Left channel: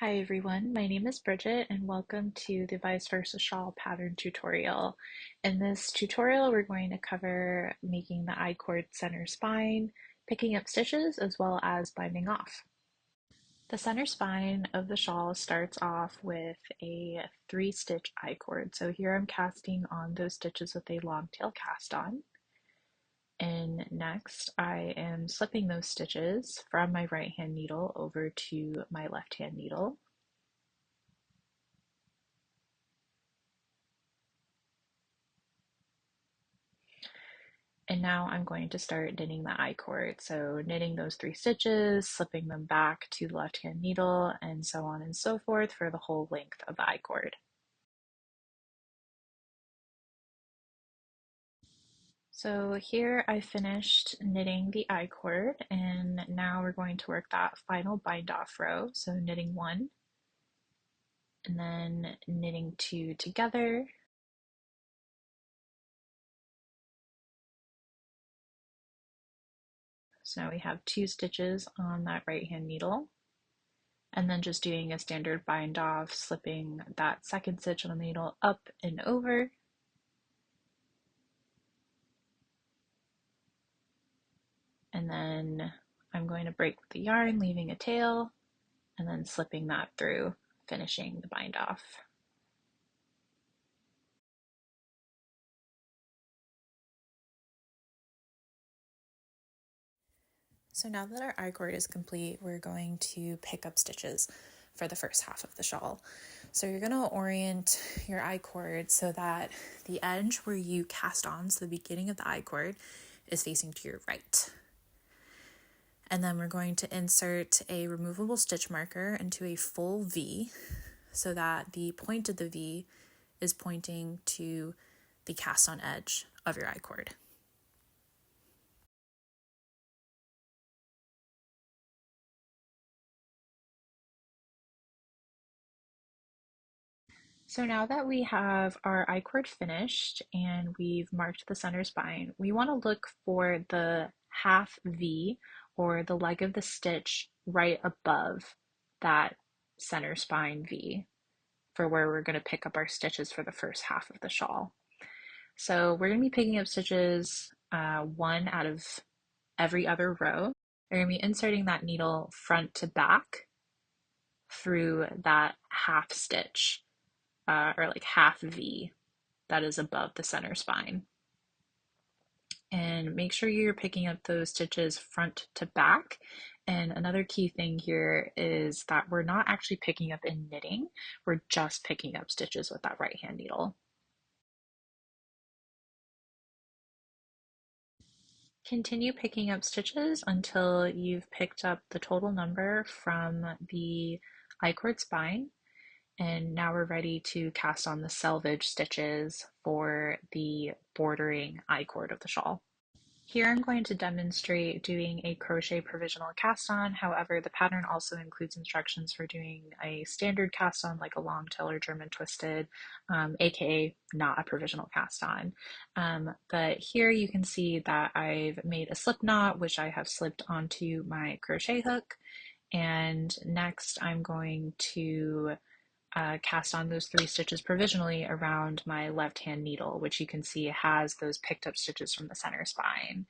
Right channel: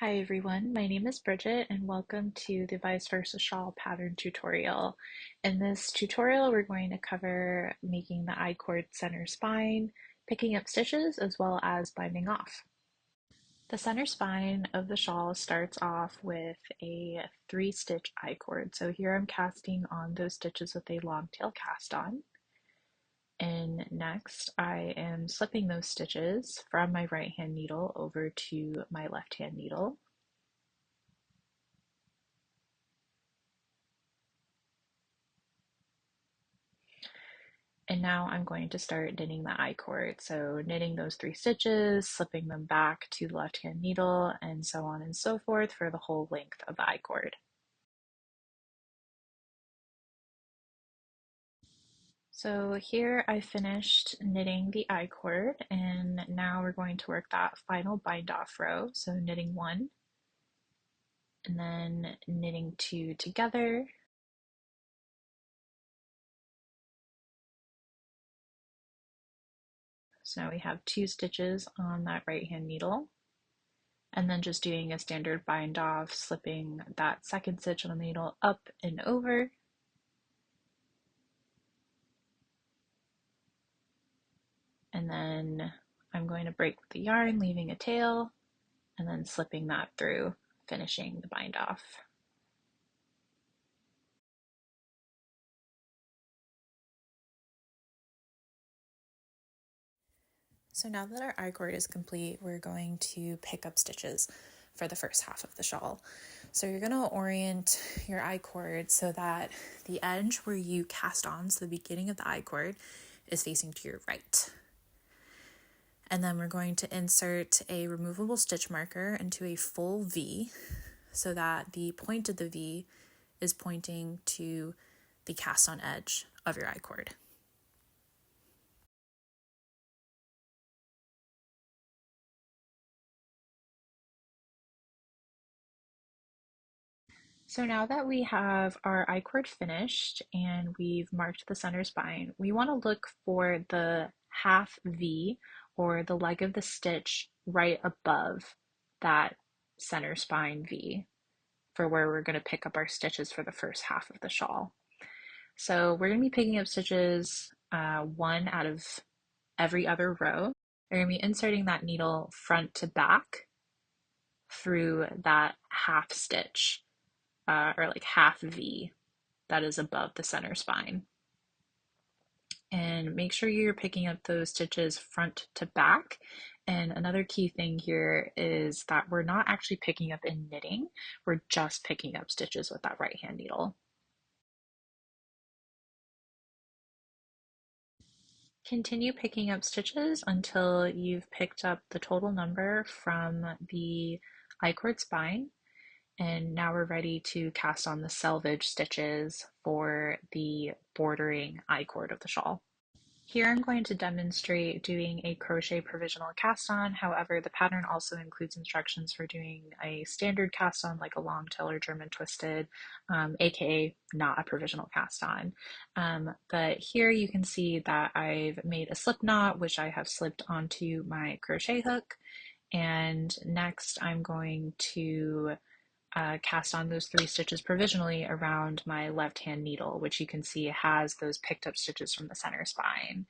Hi everyone, my name is Bridget and welcome to the Vice Versa Shawl pattern tutorial. In this tutorial we're going to cover making the I-cord center spine, picking up stitches, as well as binding off. The center spine of the shawl starts off with a 3-stitch I-cord. So here I'm casting on those stitches with a long tail cast on. And next I am slipping those stitches from my right hand needle over to my left hand needle. And now I'm going to start knitting the I-cord. So knitting those 3 stitches, slipping them back to the left hand needle, and so on and so forth for the whole length of the I-cord. So here I finished knitting the I-cord, and now we're going to work that final bind off row. So knitting 1, and then knitting 2 together. So now we have 2 stitches on that right hand needle, and then just doing a standard bind off, slipping that 2nd stitch on the needle up and over. And then I'm going to break the yarn, leaving a tail, and then slipping that through, finishing the bind off. So now that our I-cord is complete, we're going to pick up stitches for the first half of the shawl. So you're going to orient your I-cord so that the edge where you cast on, so the beginning of the I-cord, is facing to your right. And then we're going to insert a removable stitch marker into a full V so that the point of the V is pointing to the cast on edge of your I-cord. So now that we have our I-cord finished and we've marked the center spine, we want to look for the half V, or the leg of the stitch right above that center spine V, for where we're going to pick up our stitches for the first half of the shawl. So we're going to be picking up stitches 1 out of every other row. We're going to be inserting that needle front to back through that half stitch, or like half V that is above the center spine. And make sure you're picking up those stitches front to back. And another key thing here is that we're not actually picking up in knitting, we're just picking up stitches with that right hand needle. Continue picking up stitches until you've picked up the total number from the I-cord spine. And now we're ready to cast on the selvage stitches for the bordering I-cord of the shawl. Here I'm going to demonstrate doing a crochet provisional cast on. However, the pattern also includes instructions for doing a standard cast on, like a long tail or German twisted, aka not a provisional cast on. But here you can see that I've made a slip knot, which I have slipped onto my crochet hook. And next I'm going to cast on those 3 stitches provisionally around my left hand needle, which you can see has those picked up stitches from the center spine.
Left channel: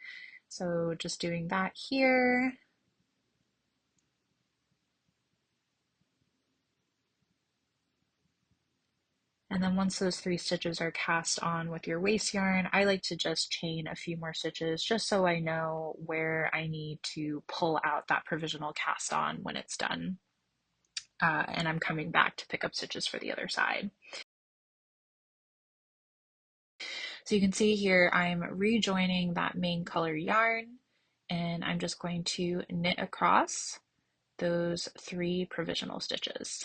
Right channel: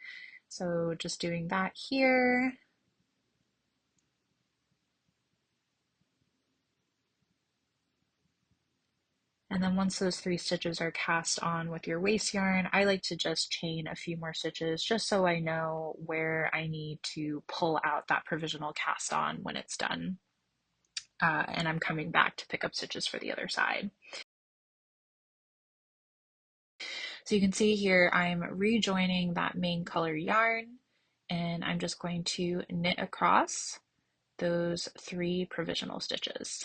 So just doing that here. And then once those 3 stitches are cast on with your waste yarn, I like to just chain a few more stitches just so I know where I need to pull out that provisional cast on when it's done. And I'm coming back to pick up stitches for the other side. So you can see here I'm rejoining that main color yarn, and I'm just going to knit across those 3 provisional stitches.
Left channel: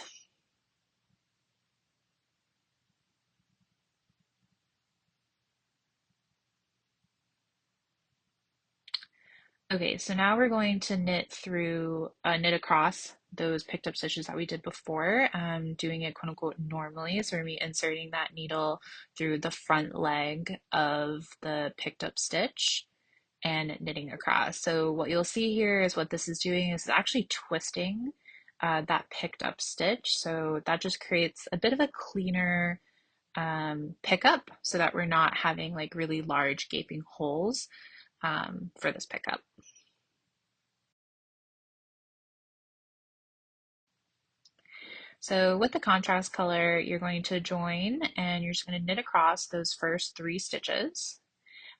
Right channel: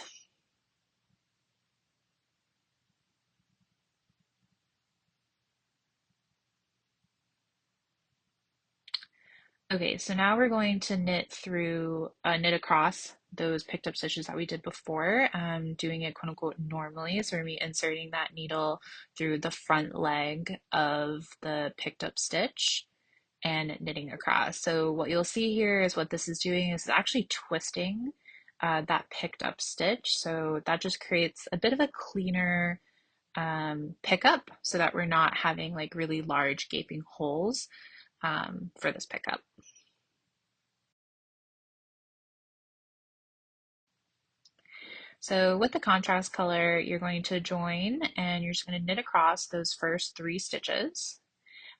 Okay, so now we're going to knit across those picked up stitches that we did before, doing it quote unquote normally. So we're going to be inserting that needle through the front leg of the picked up stitch and knitting across. So what you'll see here is what this is doing is actually twisting that picked up stitch. So that just creates a bit of a cleaner pickup so that we're not having like really large gaping holes for this pickup. So with the contrast color, you're going to join and you're just going to knit across those first 3 stitches.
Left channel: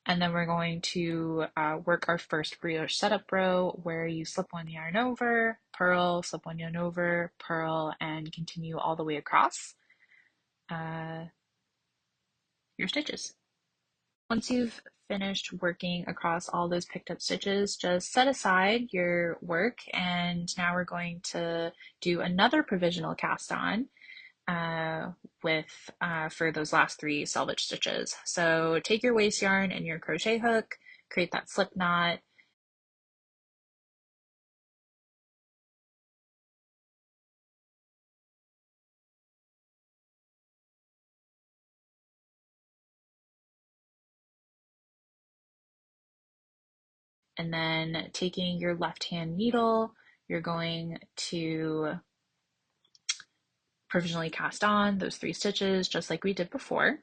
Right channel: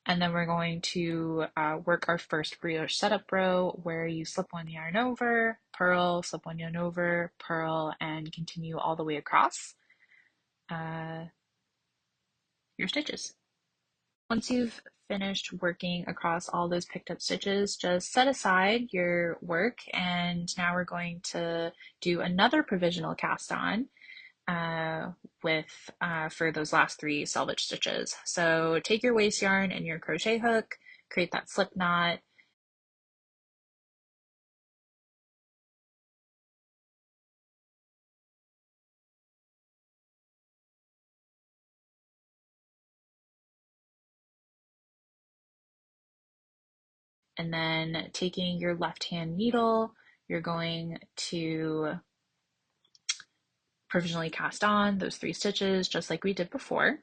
And then we're going to work our first brioche setup row where you slip 1 yarn over, purl, slip 1 yarn over, purl, and continue all the way across uh, your stitches. Once you've finished working across all those picked up stitches, just set aside your work, and now we're going to do another provisional cast on uh, with for those last 3 selvage stitches. So take your waste yarn and your crochet hook, create that slip knot, and then taking your left hand needle, you're going to provisionally cast on those 3 stitches just like we did before.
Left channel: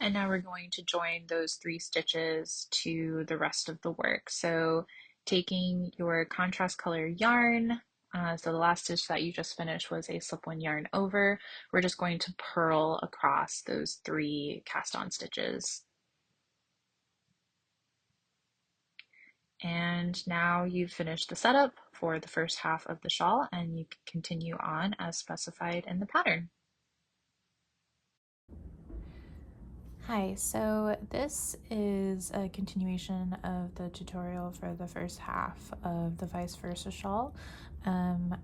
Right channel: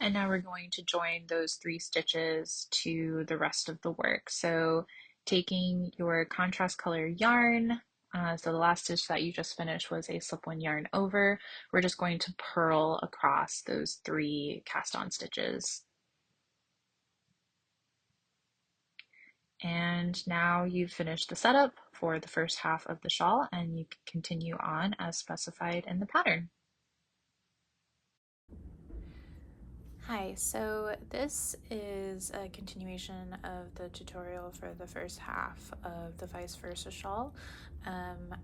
And now we're going to join those 3 stitches to the rest of the work. So taking your contrast color yarn, so the last stitch that you just finished was a slip 1 yarn over, we're just going to purl across those 3 cast on stitches. And now you've finished the setup for the first half of the shawl, and you can continue on as specified in the pattern. Hi, so this is a continuation of the tutorial for the first half of the vice versa shawl.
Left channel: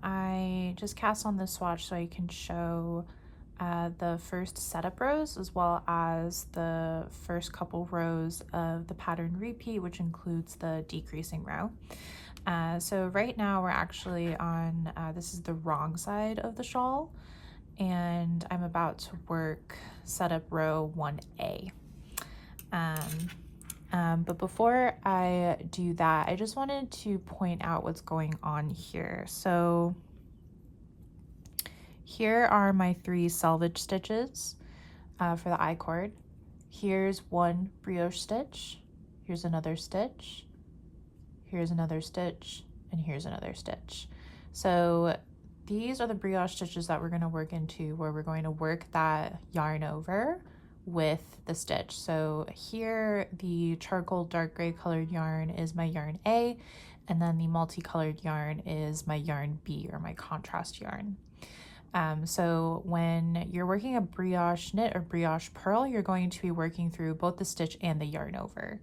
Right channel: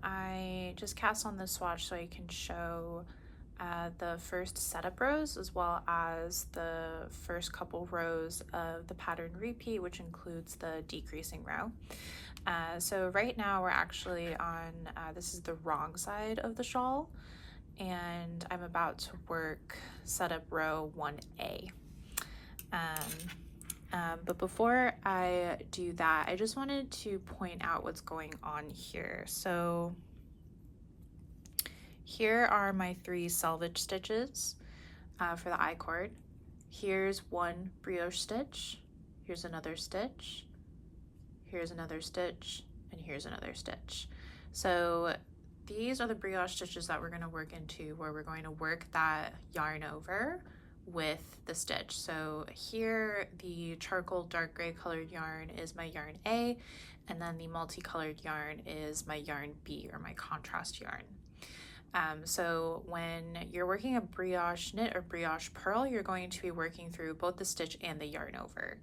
I just cast on this swatch so I can show the first setup rows as well as the first couple rows of the pattern repeat, which includes the decreasing row. So right now we're actually on, this is the wrong side of the shawl, and I'm about to work setup row 1A. But before I do that, I just wanted to point out what's going on here. So here are my 3 selvage stitches for the I-cord. Here's 1 brioche stitch, here's another stitch, here's another stitch, and here's another stitch. So these are the brioche stitches that we're going to work into, where we're going to work that yarn over with the stitch. So here the charcoal dark gray colored yarn is my yarn A, and then the multicolored yarn is my yarn B, or my contrast yarn. So when you're working a brioche knit or brioche purl, you're going to be working through both the stitch and the yarn over.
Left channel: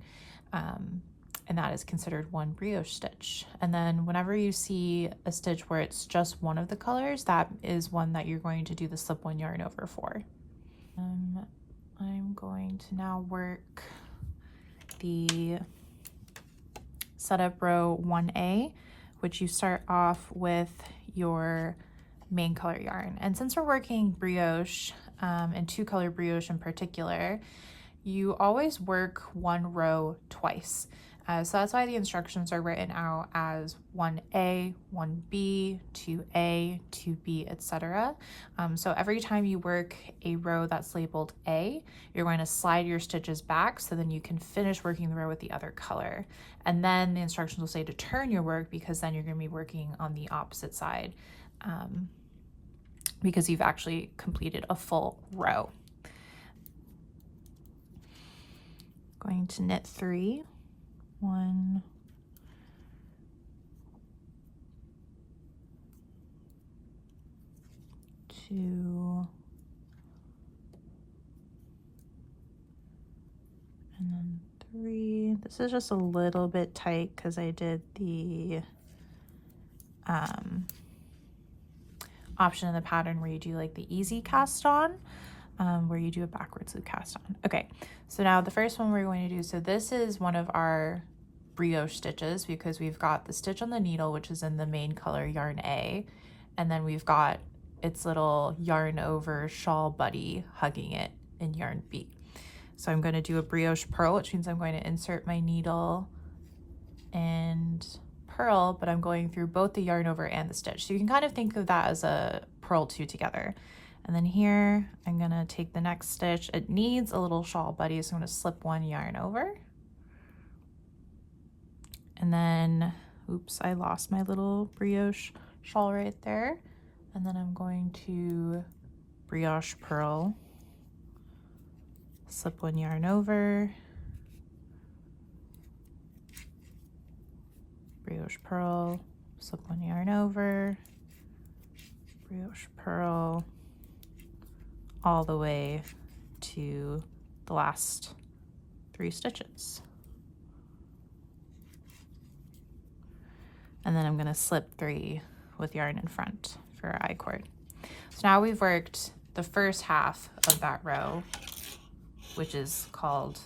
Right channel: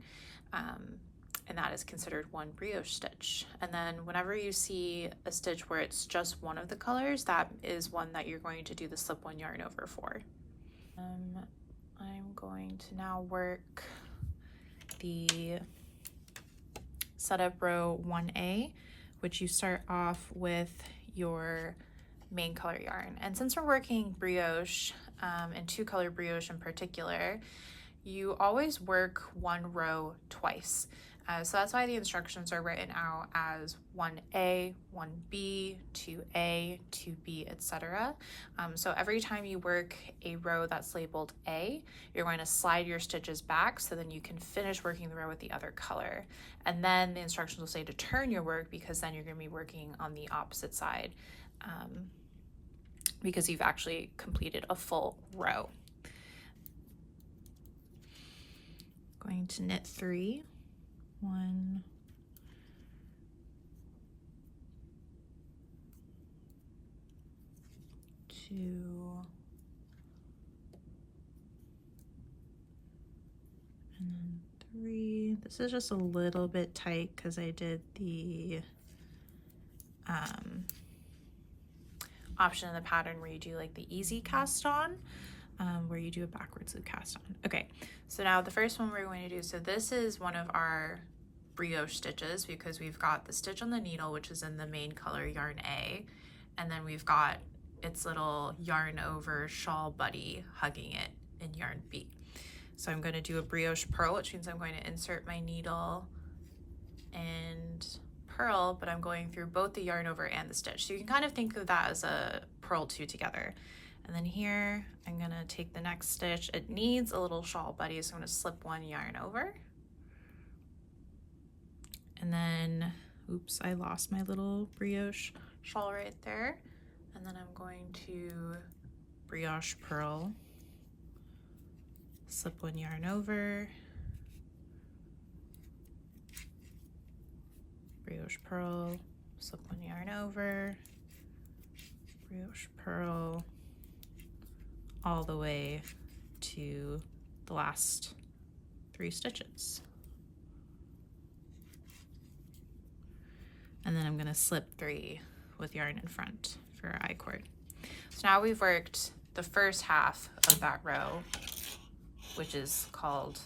And that is considered 1 brioche stitch. And then whenever you see a stitch where it's just one of the colors, that is one that you're going to do the slip 1 yarn over for. I'm going to now work the setup row 1A, which you start off with your main color yarn. And since we're working brioche, and 2-color brioche in particular, you always work 1 row twice. So that's why the instructions are written out as 1A, 1B, 2A, 2B, etc. So every time you work a row that's labeled A, you're going to slide your stitches back so then you can finish working the row with the other color. And then the instructions will say to turn your work, because then you're going to be working on the opposite side, because you've actually completed a full row. Going to knit 3. 1, 2, and And 3. This is just a little bit tight because I did the option in the pattern where you do like the easy cast on, where you do a backwards loop cast on. Okay, so now the first one we're going to do, so this is one of our brioche stitches because we've got the stitch on the needle, which is in the main color yarn A, and then we've got its little yarn over shawl buddy hugging it in yarn B. So I'm going to do a brioche purl, which means I'm going to insert my needle and purl, but I'm going through both the yarn over and the stitch. So you can kind of think of that as a purl two together. And then here, I'm gonna take the next stitch. It needs a little shawl buddy, so I'm gonna slip one yarn over. And then, oops, I lost my little brioche shawl right there. And then I'm going to brioche purl, slip one yarn over, brioche purl, slip one yarn over, brioche purl, all the way to the last 3 stitches. And then I'm going to slip 3 with yarn in front for our I-cord. So now we've worked the first half of that row, which is called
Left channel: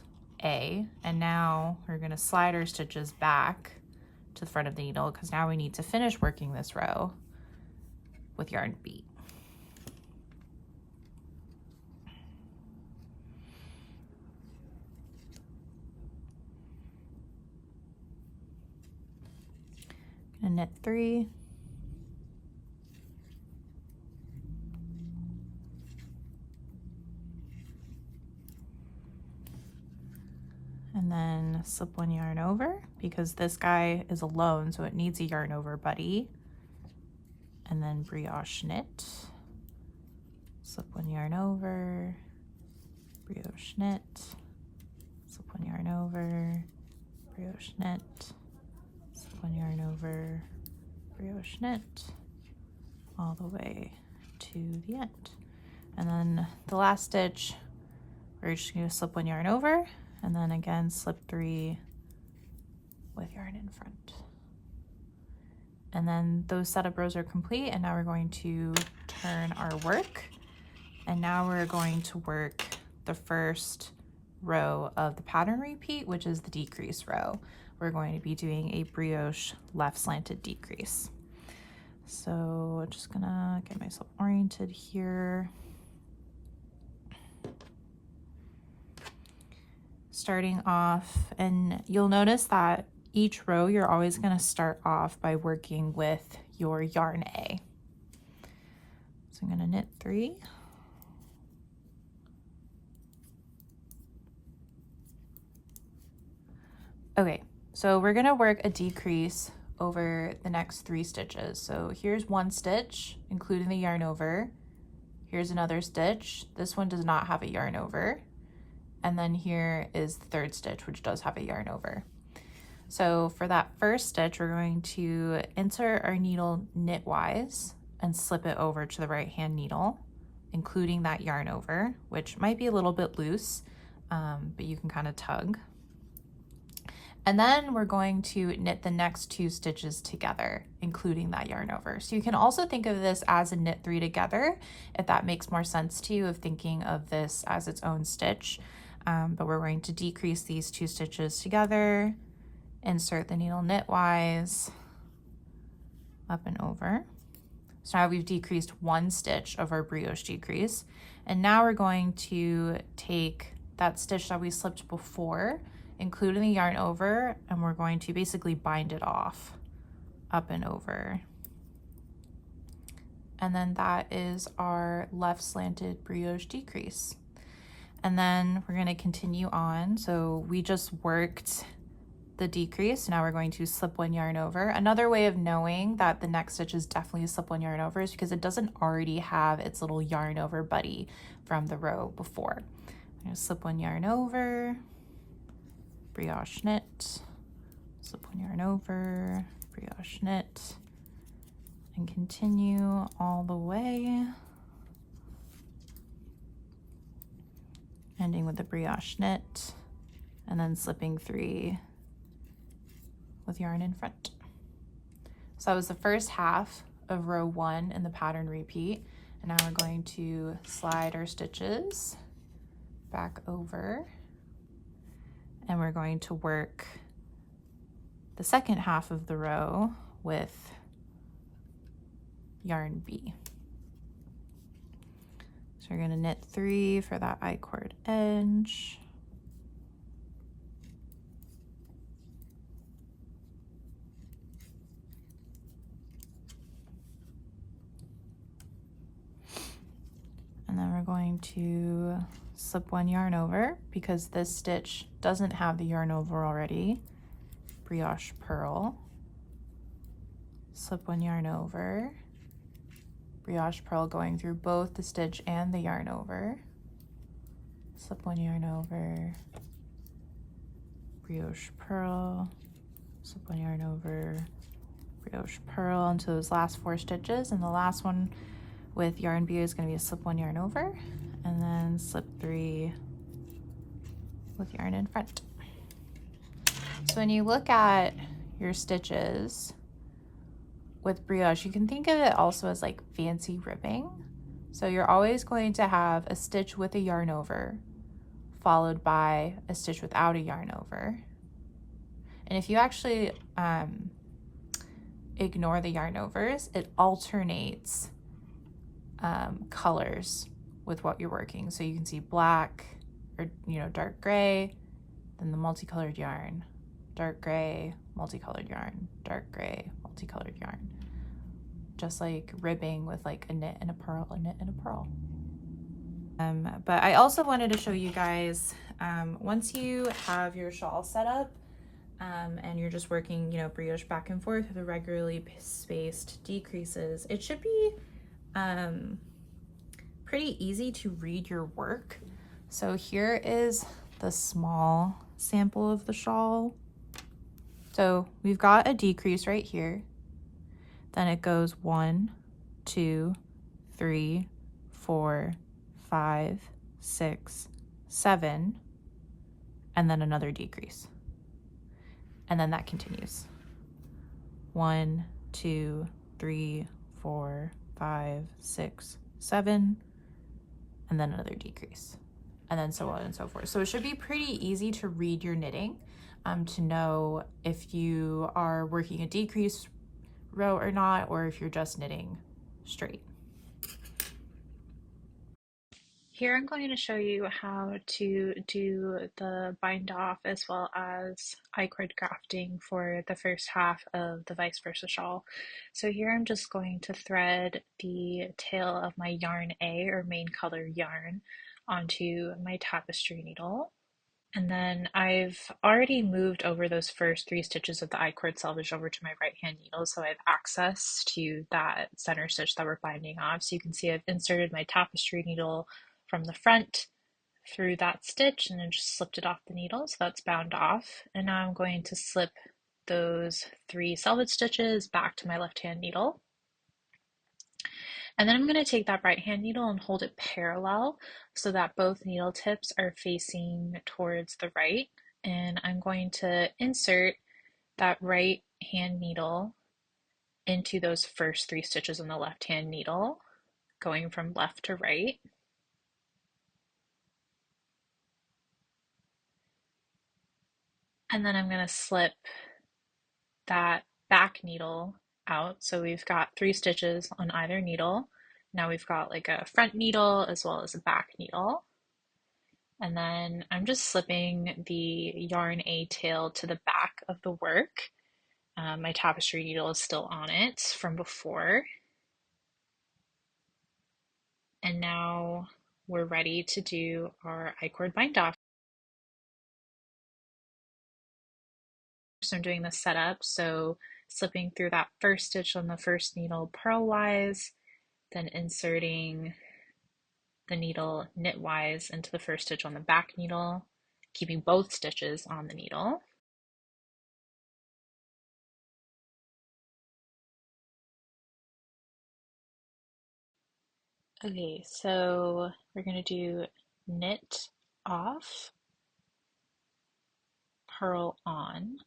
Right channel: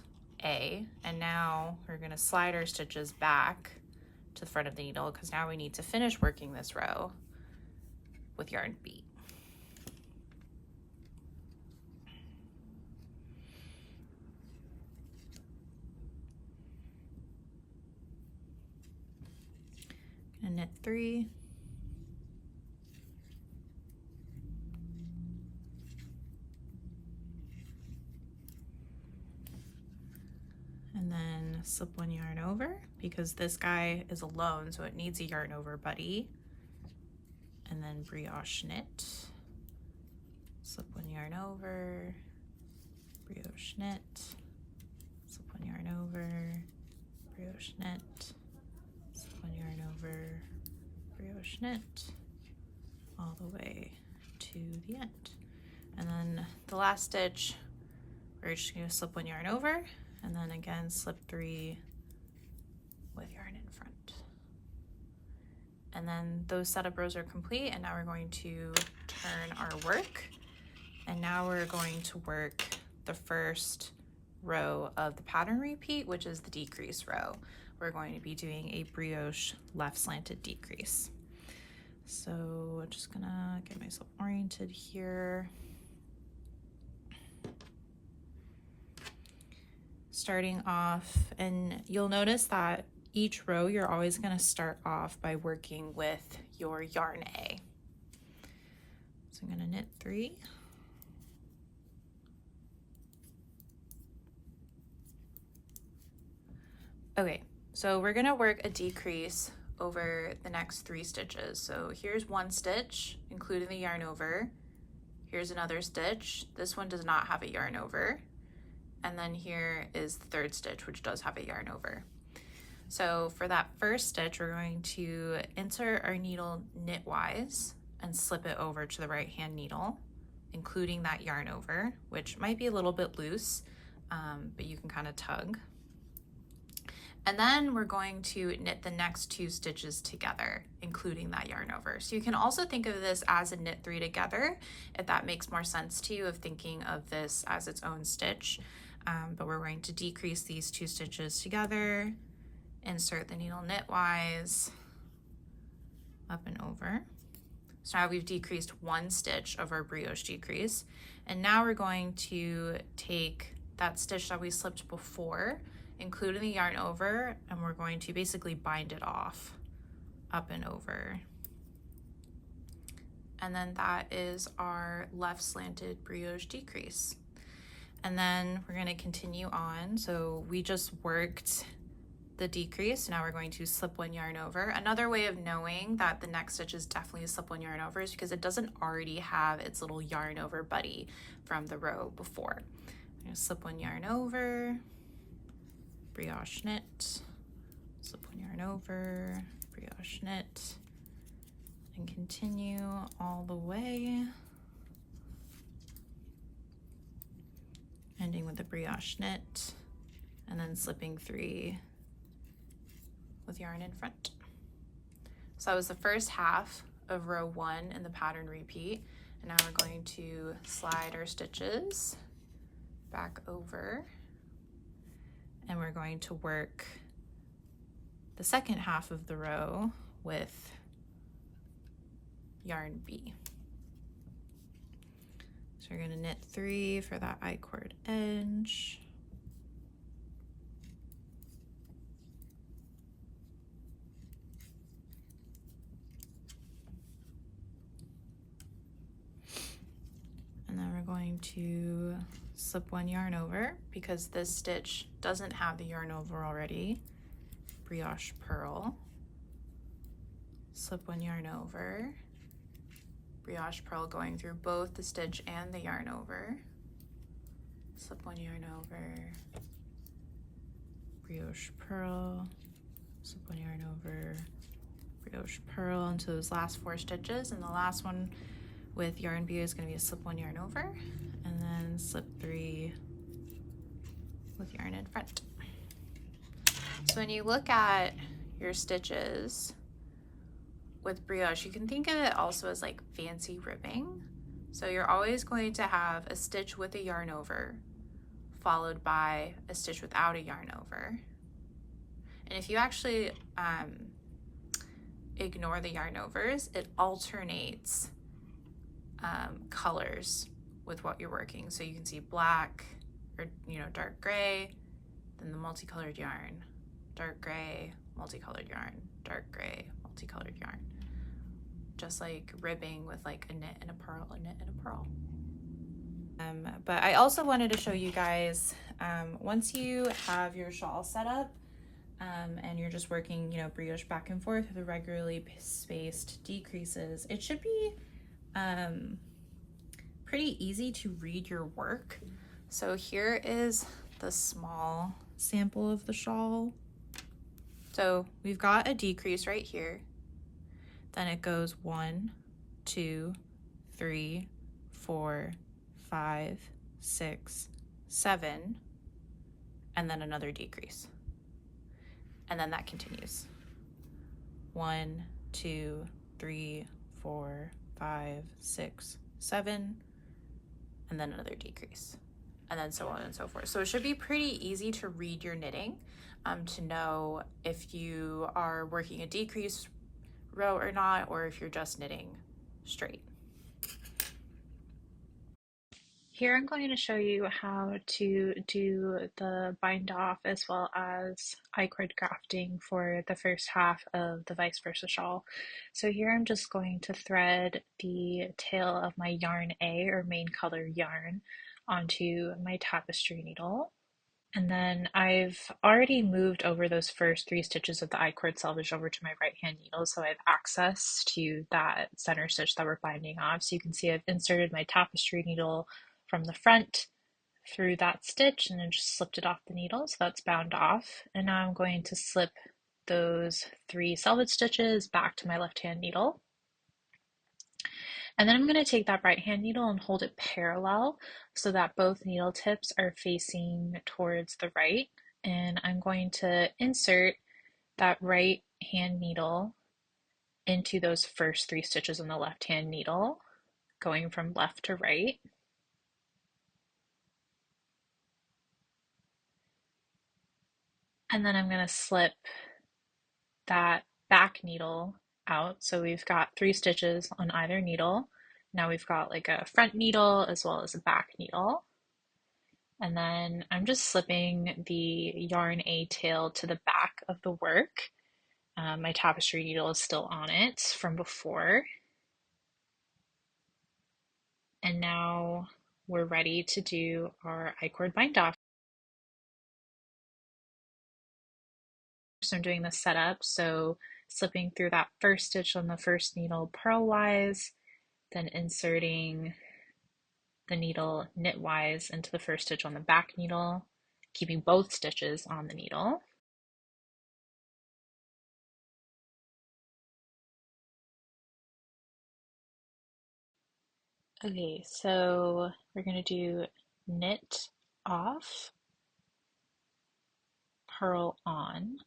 A, and now we're going to slide our stitches back to the front of the needle because now we need to finish working this row with yarn B. Gonna knit 3, and then slip one yarn over because this guy is alone, so it needs a yarn over buddy, and then brioche knit, slip one yarn over, brioche knit, slip one yarn over, brioche knit, slip one yarn over, brioche knit, all the way to the end. And then the last stitch, we're just going to slip one yarn over, and then again slip 3 with yarn in front. And then those setup rows are complete, and now we're going to turn our work. And now we're going to work the first row of the pattern repeat, which is the decrease row. We're going to be doing a brioche left slanted decrease. So just gonna get myself oriented here. Starting off, and you'll notice that each row you're always going to start off by working with your yarn A. So I'm going to knit 3, okay, so we're going to work a decrease over the next 3 stitches. So here's one stitch including the yarn over, here's another stitch, this one does not have a yarn over, and then here is the 3rd stitch, which does have a yarn over. So for that first stitch, we're going to insert our needle knitwise and slip it over to the right hand needle, including that yarn over, which might be a little bit loose, but you can kind of tug. And then we're going to knit the next 2 stitches together, including that yarn over. So you can also think of this as a knit 3 together, if that makes more sense to you, of thinking of this as its own stitch. But we're going to decrease these 2 stitches together, insert the needle knitwise, up and over. So now we've decreased 1 stitch of our brioche decrease. And now we're going to take that stitch that we slipped before, including the yarn over, and we're going to basically bind it off, up and over. And then that is our left slanted brioche decrease. And then we're going to continue on. So we just worked the decrease. Now we're going to slip 1 yarn over. Another way of knowing that the next stitch is definitely a slip 1 yarn over is because it doesn't already have its little yarn over buddy from the row before. I'm going to slip 1 yarn over, brioche knit, slip 1 yarn over, brioche knit, and continue all the way, ending with the brioche knit, and then slipping 3 with yarn in front. So that was the first half of row 1 in the pattern repeat. And now we're going to slide our stitches back over, and we're going to work the second half of the row with yarn B. So we're going to knit 3 for that I-cord edge. And then we're going to slip 1 yarn over because this stitch doesn't have the yarn over already. Brioche purl. Slip 1 yarn over. Brioche purl going through both the stitch and the yarn over. Slip 1 yarn over. Brioche purl. Slip 1 yarn over. Brioche purl into those last 4 stitches, and the last one with yarn B is going to be a slip 1 yarn over, and then slip 3 with yarn in front. So when you look at your stitches with brioche, you can think of it also as like fancy ribbing. So you're always going to have a stitch with a yarn over followed by a stitch without a yarn over. And if you actually ignore the yarn overs, it alternates colors with what you're working. So you can see black or dark gray, then the multicolored yarn, dark gray, multicolored yarn, dark gray, multicolored yarn. Just like ribbing with like a knit and a purl, a knit and a purl. But I also wanted to show you guys, once you have your shawl set up and you're just working, brioche back and forth with the regularly spaced decreases, it should be pretty easy to read your work. So here is the small sample of the shawl. So we've got a decrease right here. Then it goes 1, 2, 3, 4, 5, 6, 7, and then another decrease. And then that continues. 1, 2, 3, 4, 5, 6, 7, and then another decrease, and then so on and so forth. So it should be pretty easy to read your knitting, to know if you are working a decrease row or not, or if you're just knitting straight. Here I'm going to show you how to do the bind off as well as I-cord grafting for the first half of the vice versa shawl. So here I'm just going to thread the tail of my yarn A, or main color yarn, onto my tapestry needle. And then I've already moved over those first 3 stitches of the I-cord selvage over to my right hand needle, so I have access to that center stitch that we're binding off. So you can see I've inserted my tapestry needle from the front through that stitch and then just slipped it off the needle, so that's bound off. And now I'm going to slip those 3 selvage stitches back to my left hand needle. And then I'm going to take that right hand needle and hold it parallel so that both needle tips are facing towards the right. And I'm going to insert that right hand needle into those first 3 stitches on the left hand needle, going from left to right. And then I'm going to slip that back needle out. So we've got 3 stitches on either needle. Now we've got like a front needle as well as a back needle. And then I'm just slipping the yarn A tail to the back of the work. My tapestry needle is still on it from before. And now we're ready to do our I-cord bind off. So I'm doing the setup, so slipping through that first stitch on the first needle purlwise, then inserting the needle knitwise into the first stitch on the back needle, keeping both stitches on the needle. Okay, so we're going to do knit off, purl on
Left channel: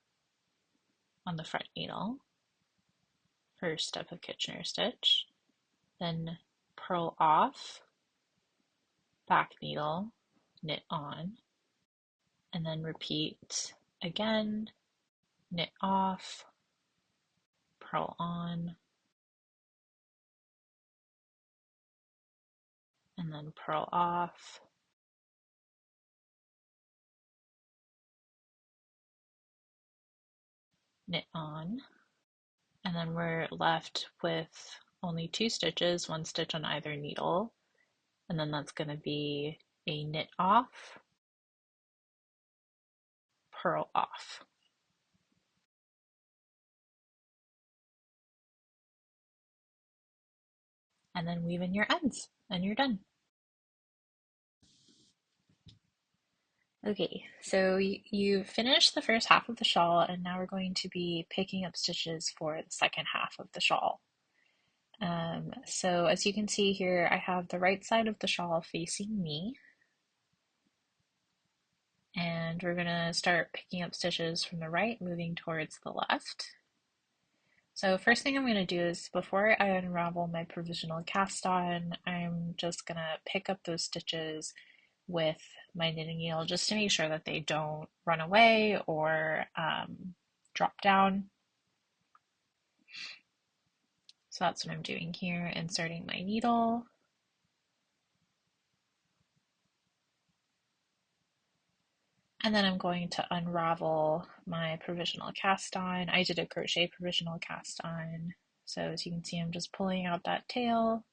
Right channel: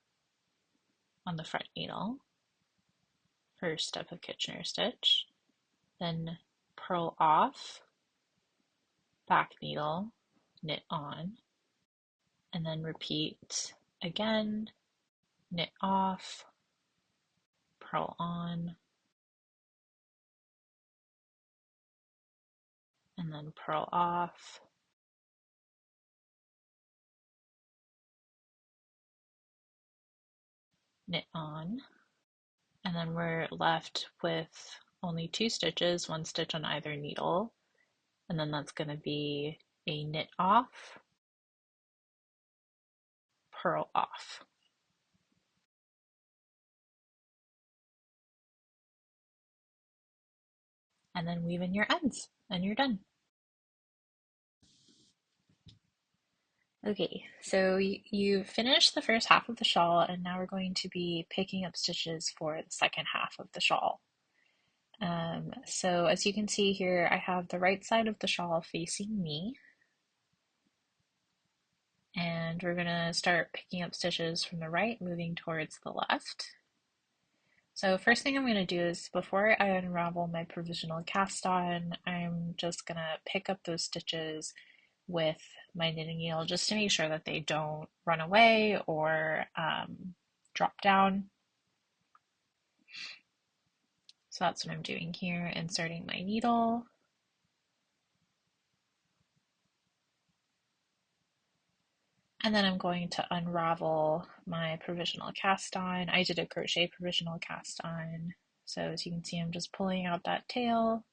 the front needle, first step of Kitchener stitch, then purl off, back needle, knit on, and then repeat again, knit off, purl on, and then purl off, knit on, and then we're left with only 2 stitches, 1 stitch on either needle, and then that's going to be a knit off, purl off, and then weave in your ends, and you're done. Okay, so you finished the first half of the shawl, and now we're going to be picking up stitches for the second half of the shawl. So as you can see here, I have the right side of the shawl facing me, and we're gonna start picking up stitches from the right, moving towards the left. So first thing I'm gonna do is, before I unravel my provisional cast on, I'm just gonna pick up those stitches with my knitting needle just to make sure that they don't run away or drop down. So that's what I'm doing here, inserting my needle. And then I'm going to unravel my provisional cast on. I did a crochet provisional cast on. So as you can see, I'm just pulling out that tail,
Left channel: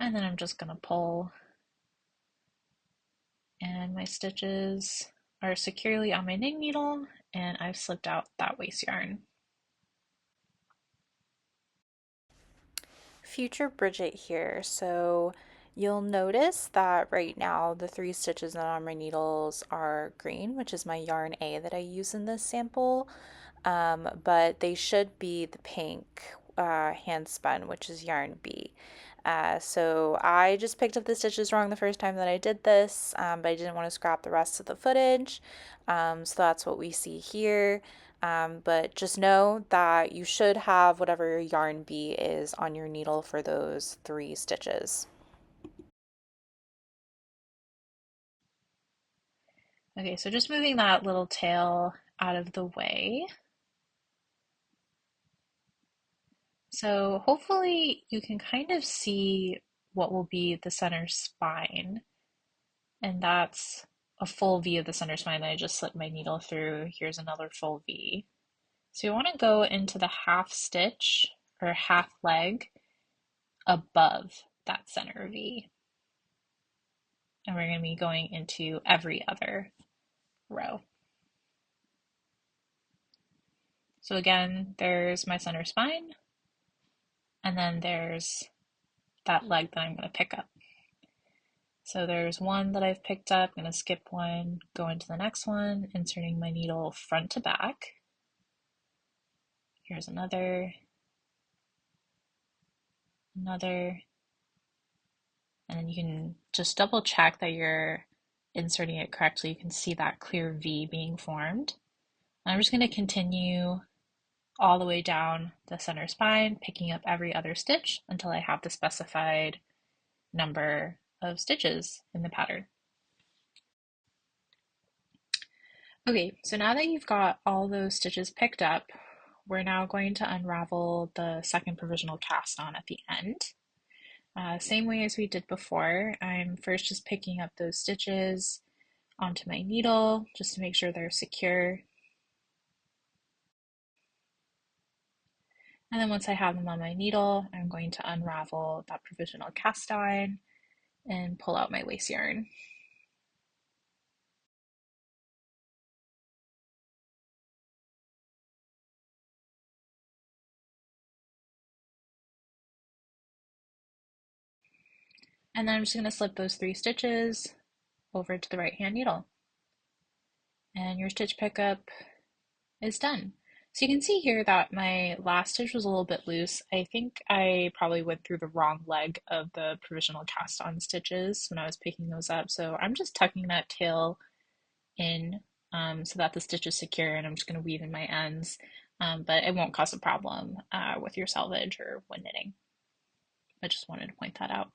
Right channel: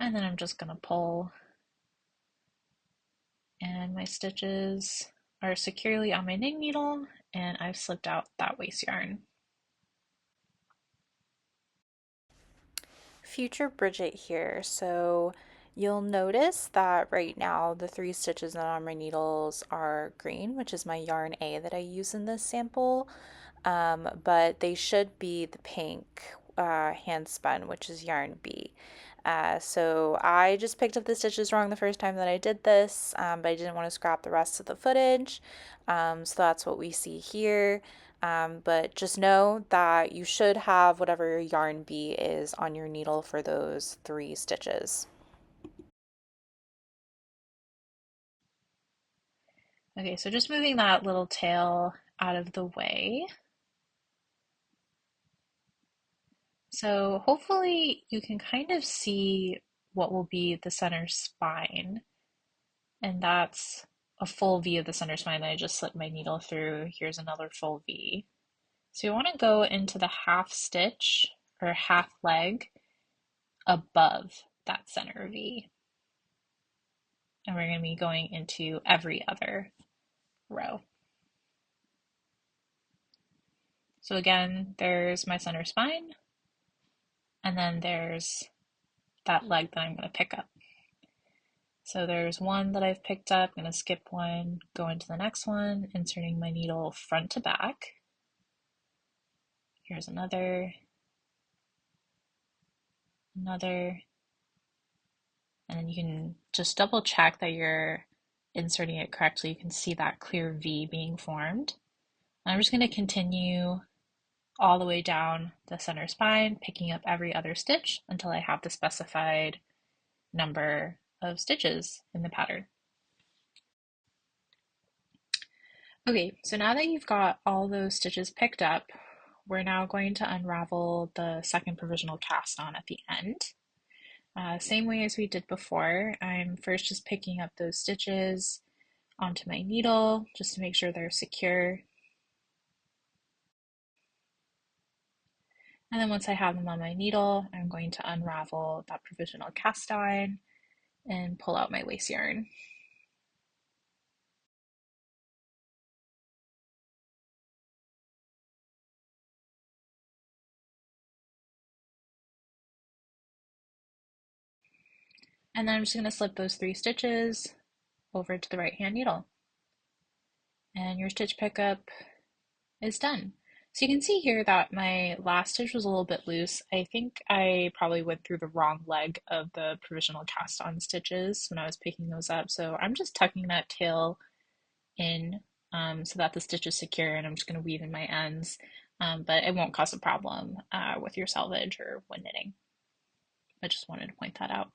and then I'm just going to pull, and my stitches are securely on my knitting needle, and I've slipped out that waste yarn. Future Bridget here. So you'll notice that right now the 3 stitches on my needles are green, which is my yarn A that I use in this sample, but they should be the pink hand spun, which is yarn B. So I just picked up the stitches wrong the first time that I did this, but I didn't want to scrap the rest of the footage. So that's what we see here. But just know that you should have whatever your yarn B is on your needle for those 3 stitches. Okay, so just moving that little tail out of the way. So hopefully you can kind of see what will be the center spine, and that's a full V of the center spine that I just slipped my needle through. Here's another full V. So you want to go into the half stitch or half leg above that center V. And we're going to be going into every other row. So again, there's my center spine, and then there's that leg that I'm going to pick up. So there's one that I've picked up, I'm going to skip one, go into the next one, inserting my needle front to back. Here's another, and then you can just double check that you're inserting it correctly. You can see that clear V being formed. And I'm just going to continue all the way down the center spine, picking up every other stitch until I have the specified number of stitches in the pattern. Okay, so now that you've got all those stitches picked up, we're now going to unravel the second provisional cast on at the end. Same way as we did before, I'm first just picking up those stitches onto my needle just to make sure they're secure. And then once I have them on my needle, I'm going to unravel that provisional cast on and pull out my lace yarn. And then I'm just going to slip those 3 stitches over to the right hand needle. And your stitch pickup is done. So you can see here that my last stitch was a little bit loose. I think I probably went through the wrong leg of the provisional cast on stitches when I was picking those up. So I'm just tucking that tail in so that the stitch is secure, and I'm just going to weave in my ends, but it won't cause a problem with your selvage or when knitting. I just wanted to point that out.